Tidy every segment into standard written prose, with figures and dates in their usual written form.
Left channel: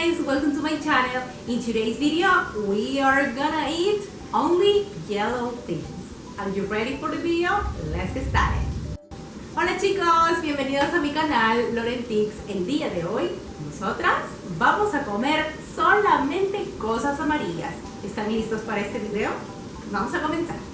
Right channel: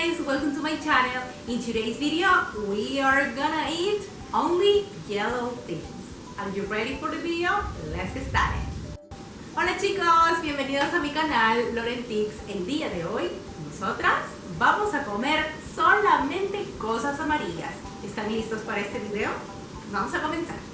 guys, welcome to my channel. In today's video, we are gonna eat only yellow things. Are you ready for the video? Let's get started. Hola chicos, bienvenidos a mi canal Lorentix. El día de hoy, nosotras vamos a comer solamente cosas amarillas. ¿Están listos para este video? Vamos a comenzar.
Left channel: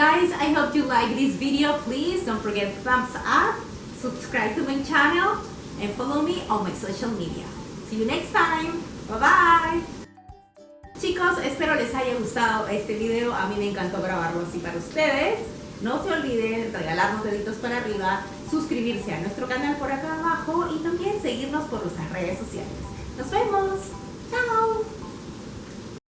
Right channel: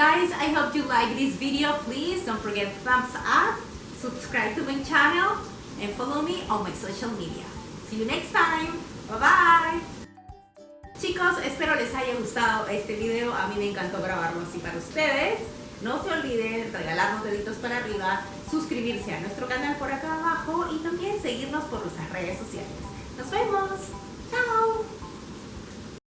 Guys, I hope you like this video. Please don't forget thumbs up, subscribe to my channel, and follow me on my social media. See you next time. Bye bye. Chicos, espero les haya gustado este video. A mí me encantó grabarlo así para ustedes. No se olviden regalarnos deditos para arriba, suscribirse a nuestro canal por acá abajo y también seguirnos por nuestras redes sociales. ¡Nos vemos!